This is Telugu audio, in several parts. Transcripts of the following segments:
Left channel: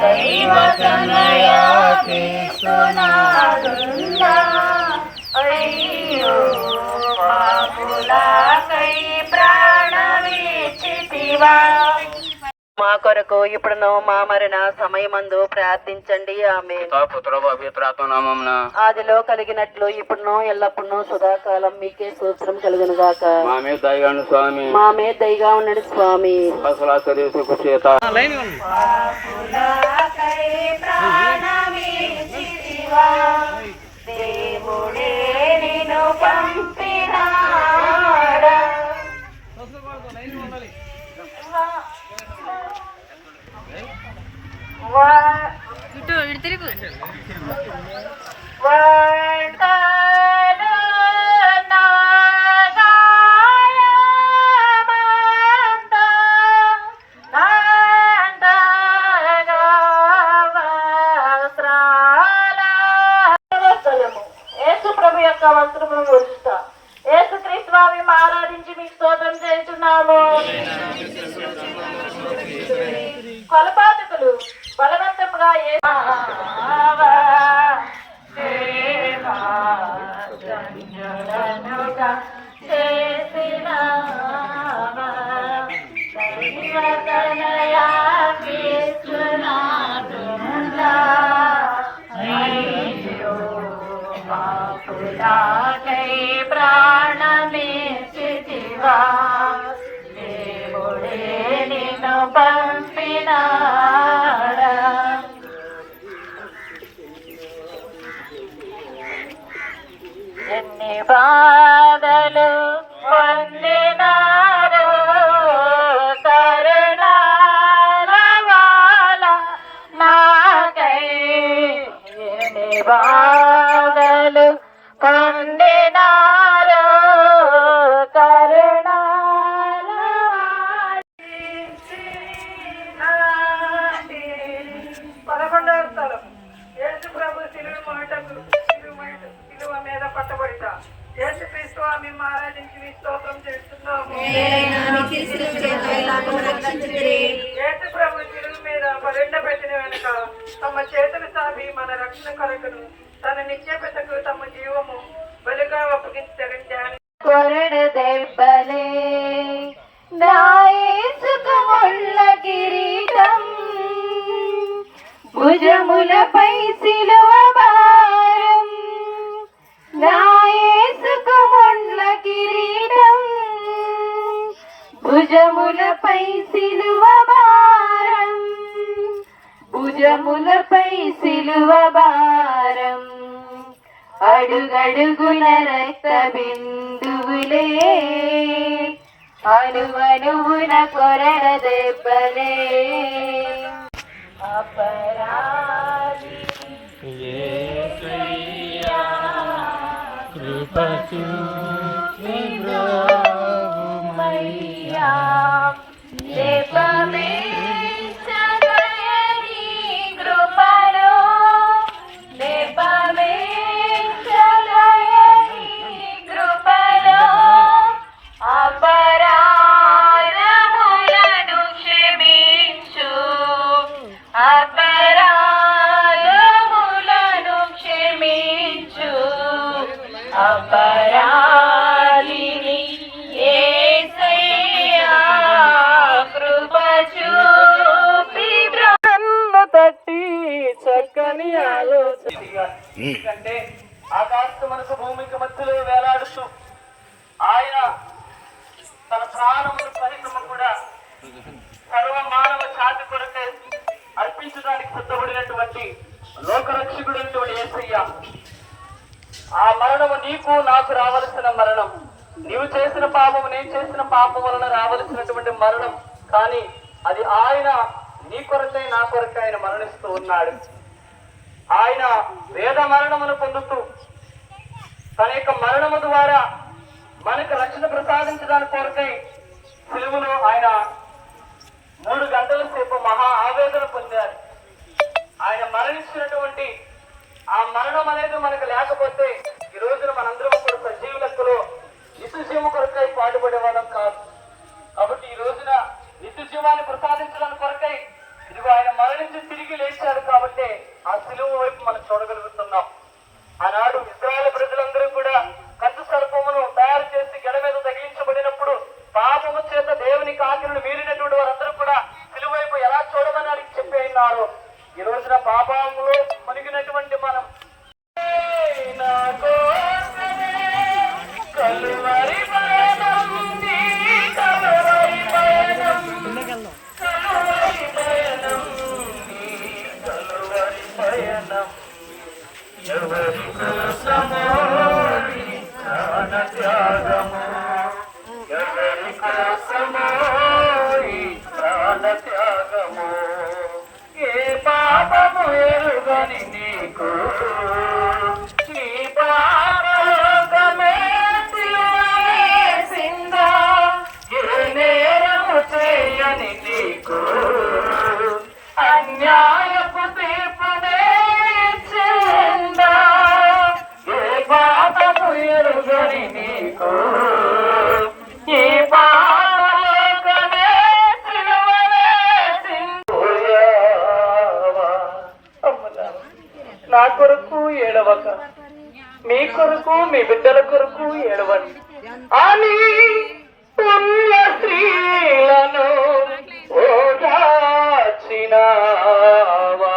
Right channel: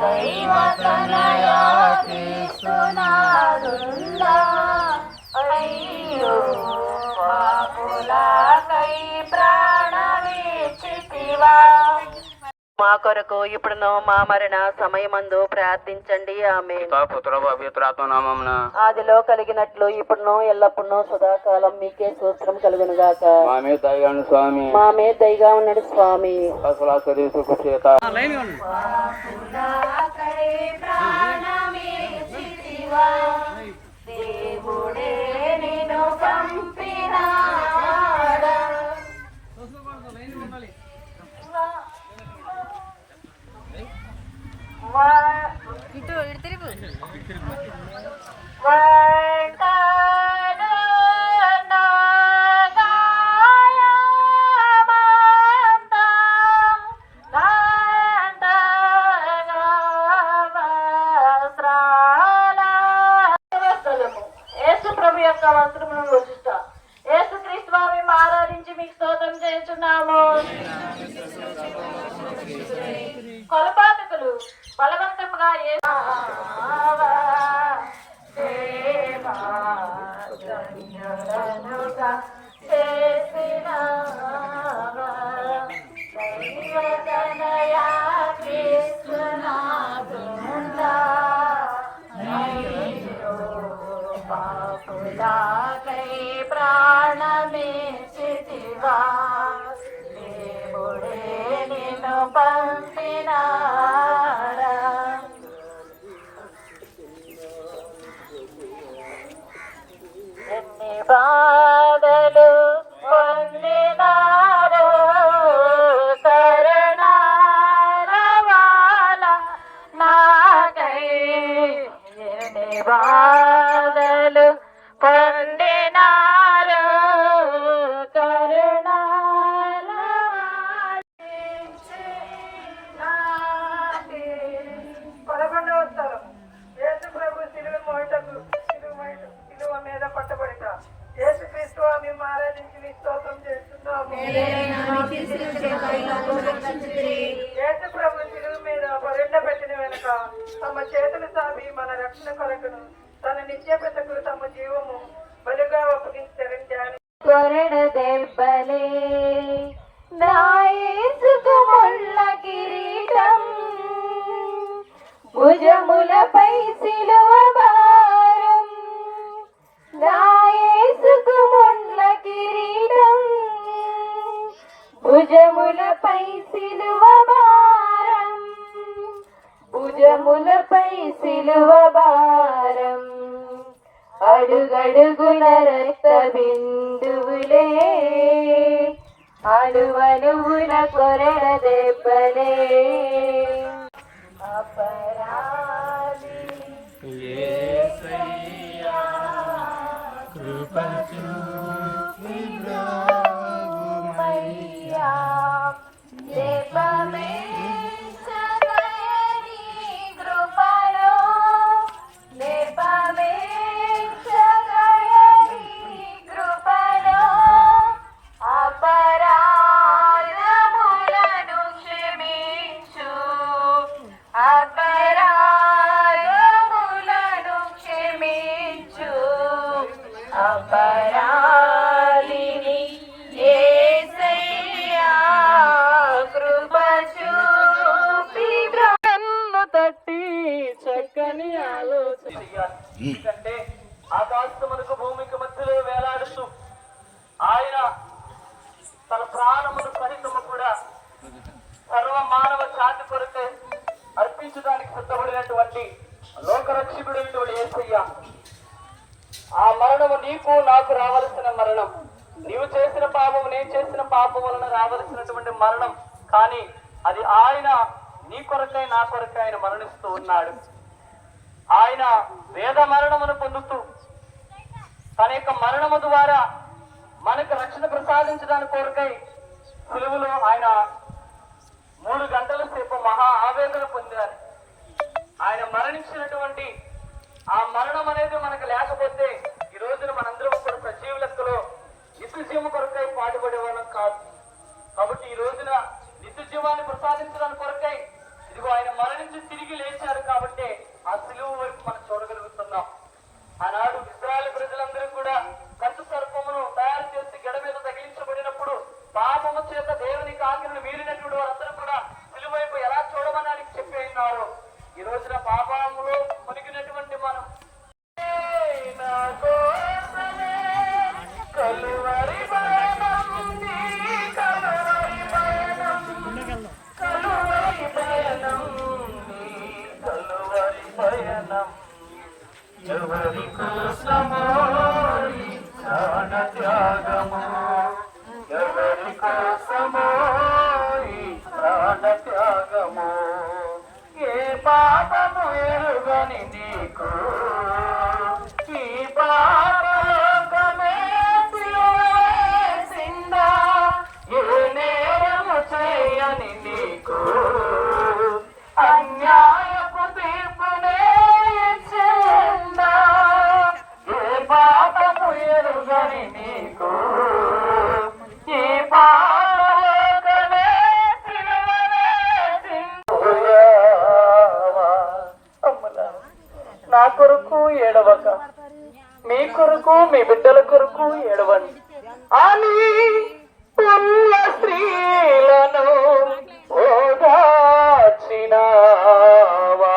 దైవతనయా క్రీస్తునాథుండా అయ్యో పాపులకై ప్రాణమిచ్చితివా. మా కొరకు ఇప్పుడును మా మరణ సమయమందు ప్రార్థించండి. ఆమె ఆదిలో కలిగినట్లు ఇప్పుడును ఎల్లప్పుడూ సదాకాలం మీకే సూత్రం కలుగును గాక. మా మీద దయగా ఉన్నాడు స్వామి. దేవుడే నిన్ను పంపినాడా ప్రభు యొక్క వస్త్రమును రుచిస్తా. యేసుక్రీస్తు వారిని ఆరాధించి మీకు స్తోత్రం చేస్తున్నాము. కొలపాతకులు బలవంతముగా చేసిన ప్రాణమిచ్చితివా. దేవుడే నిన్ను పంపినాడా. ఎన్ని బాధలు పొందినారో కరుణాల వాల నాకై. ఎన్ని బాధలు పొందినారో కరుణాల పదకొండవ స్థలం. యేసు ప్రభు శిలువ మీద పట్టబడితా. యేసు క్రీస్తు మేము ఆరాధించి మీ స్తోత్రం చేస్తున్నాము. యేసు ప్రభు శిలువ మీద పరుండ పెట్టిన వెనుక తమ చేతులు సాపి మన రక్షణ కొరకును తన నిత్యపెతకు తమ జీవము బలిగా అప్పగించారు. కొరడు దెబ్బలే నాయసుకముళ్ళ కిరీటం భుజములపై సిలువ భారం. నాయసుకముళ్ళ కిరీటం భుజములపై సిలువ భారం. భుజములపై సిలువ భారం. అడుగడుగున రక్త బిందువులే అణువణువున కొరడ దెబ్బలే. అపరాధి యేసయ్యా కృపకు విబ్రహ్మయ్యా లేపమే చక్కని ఆలోచన. ఎందుకంటే ఆకాశమునకు భూమికి మధ్యలో వేలాడుతూ ఆయన తన ప్రాణమును సహితము కూడా సర్వ మానవ జాతి కొరకే అర్పించడానికి సిద్ధపడినటువంటి లోకరక్షకుడైనటువంటి యేసయ్య, ఆ మరణము నీకు నాకు రావలసిన మరణం, నీవు చేసిన పాపము నేను చేసిన పాపం వలన రావలసినటువంటి మరణం. కానీ అది ఆయన నీ కొరకై నా కొరకై ఆయన మరణిస్తూ ఉన్నాడు. ఆయన వేద మరణమును పొందుతూ తన యొక్క మరణము ద్వారా మనకు రక్షణ ప్రసాదించడానికి కొరకై సిలువలో ఆయన 3 గంటల సేపు మహా ఆవేదన పొందారు. ఆయన మరణించినటువంటి ఆ మరణం అనేది మనకు లేకపోతే ఈ రోజున మనందరం కూడా సజీవ లెక్కలో నిత్యజీవ కొరకై పాటుపడే వాళ్ళం కాదు. కాబట్టి ఈ కలువరి పయనం నీ కలువరి పయనం కలువరి పయనం నీ కలువరి పయనం ఎవరి కోసమో నీ ప్రాణ త్యాగము ఎవరి కోసమో ఈ ప్రాణ త్యాగము ఏ పాపము ఎరుగని నీకు ఈ పాపలోకమే సిలువేసిందా ఏ నేరము చేయని నీకు అన్యాయపు తీర్పునే ఇచ్చిందా ఏ పాపము ఎరుగని నీకు ఈ పాపలోకమే నా కొరకు ఏడవక మీ కొరకు మీ బిడ్డల కొరకు ఏడవని అని ఉన్న స్త్రీలను ఓదార్చినావా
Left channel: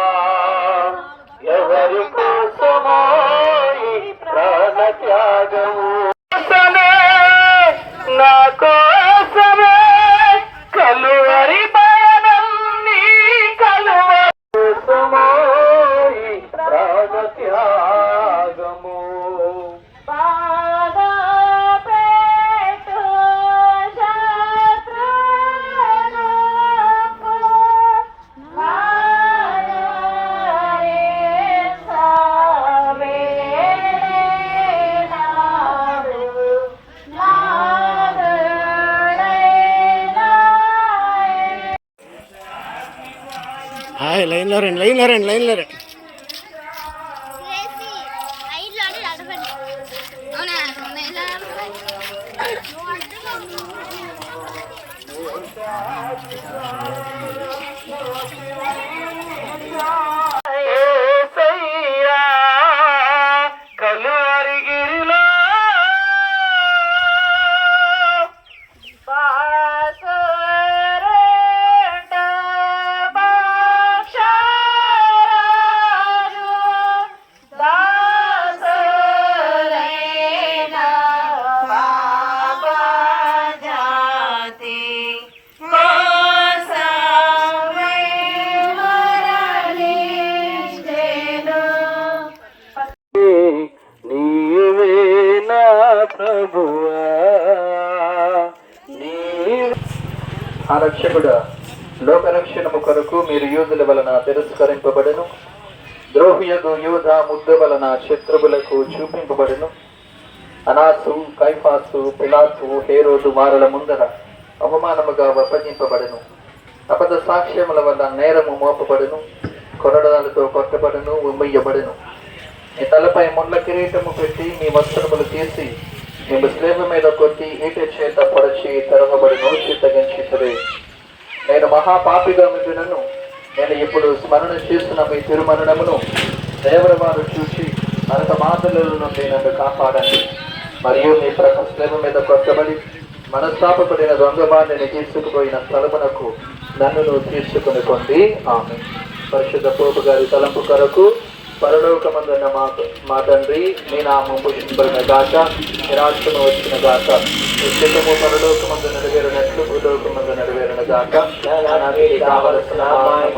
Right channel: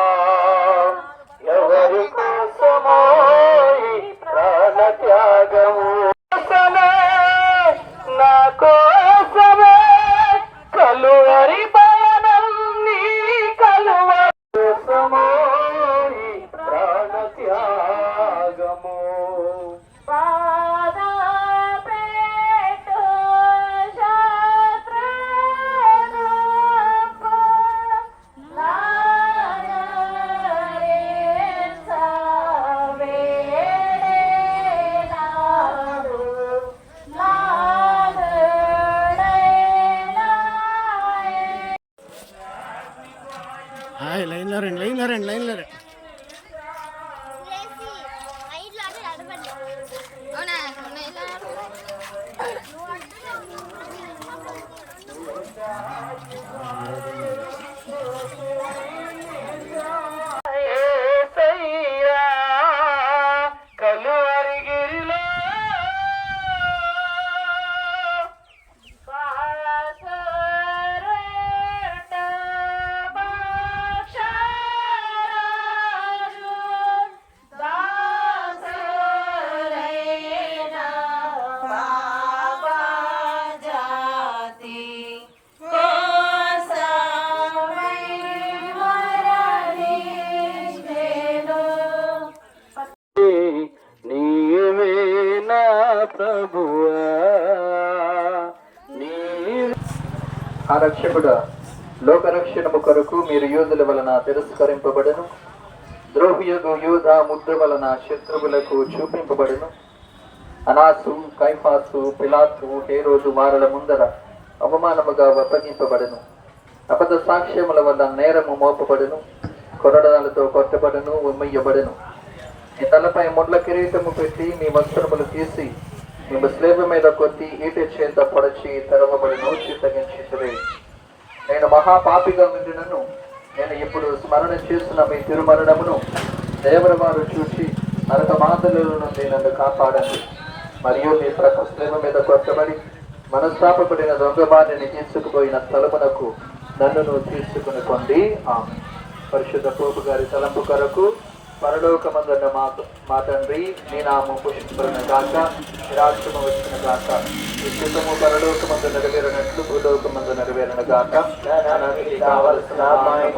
ఎవరి కోసమో ఈ ప్రాణ త్యాగము నా కోసమే కలువరి పయనం నీ కలువరి కోసమో ఈ ప్రాణ త్యాగము హాయ్ లైన్లో రండి లైన్లో రండి లైన్లో రండి కలువరిగిరిలో నీవే నా ప్రభువా ఆ రక్షకుడా లోకరక్షణము కొరకు మీరు యూదుల వలన తిరస్కరింపబడను ద్రోహియగు యూద ముద్దు వలన శత్రువులకు చూపింపబడును అనాసు కైఫాసు పిలాతు హేరోదు వారల ముందర అవమానముగా అప్పగింపబడును అబద్ధ సాక్ష్యముల వల్ల నేరము మోపబడును కొరడాలతో కొట్టబడును ఉమ్మయ్యబడును మీ తలపై ముళ్ళ కిరీటము పెట్టి మీ వస్త్రములు తీసి మేము స్లేవ మీద కొట్టి ఈటె చేత పొడచి తెరవబడి నోచి తగ్గించుతుంది నేను మహాపాపిగా ఉండినను నేను ఇప్పుడు స్మరణ చేస్తున్న మీ తిరుమరణమును దేవుని వారు చూసి మరొక మాటల నుండి నన్ను కాపాడండి మరియు మీ ప్రతి స్లేవ మీద కొట్టబడి మనస్తాపకుడైన దొంగ బారిని తీసుకుపోయిన స్థలమునకు నన్ను తీసుకుని కొండి ఆమె పరిశుద్ధ పోపు గారి తలంపు కొరకు పరలోకమందున్న మా తండ్రి మీ నామము పూజించబడిన గాక మీ రాజ్యము వచ్చిన గాక నిత్యము పరలోకమందు నెరవేరినట్లు భూలోకమందు నెరవేరిన గాక నాకు కావలసిన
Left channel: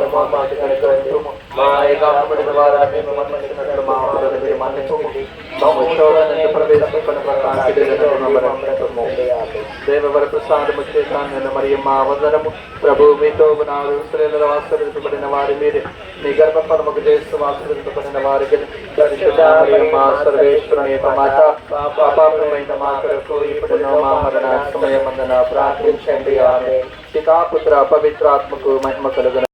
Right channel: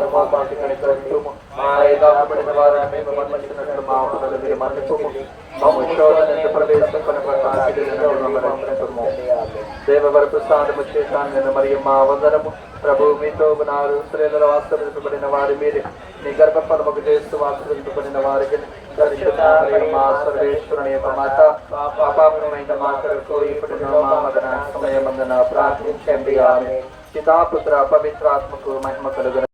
మాకు కనుగొంటుము మా ఏకాపడిన వారిని మన్నించినట్లు మా అపరాధములు మన్నించుము మమ్ము శోధనకు ప్రవేశించకుండా దేవవర ప్రసాదము చేశాను మరియు మా అవసరము ప్రభు మీతో నారు స్త్రీల ఆశీర్వదించబడిన వారి మీరే మీ గర్భఫలముకు చేస్తూ ఆశీర్వదించబడిన వారికి మా సర్వేశ్వరుని మాత పాపమైన మా కొరకు ఇప్పుడు మా మరణ సమయమందున ప్రార్థించండి ఆమె పితా పుత్ర పవిత్రాత్మకు మహిమ కలుగును.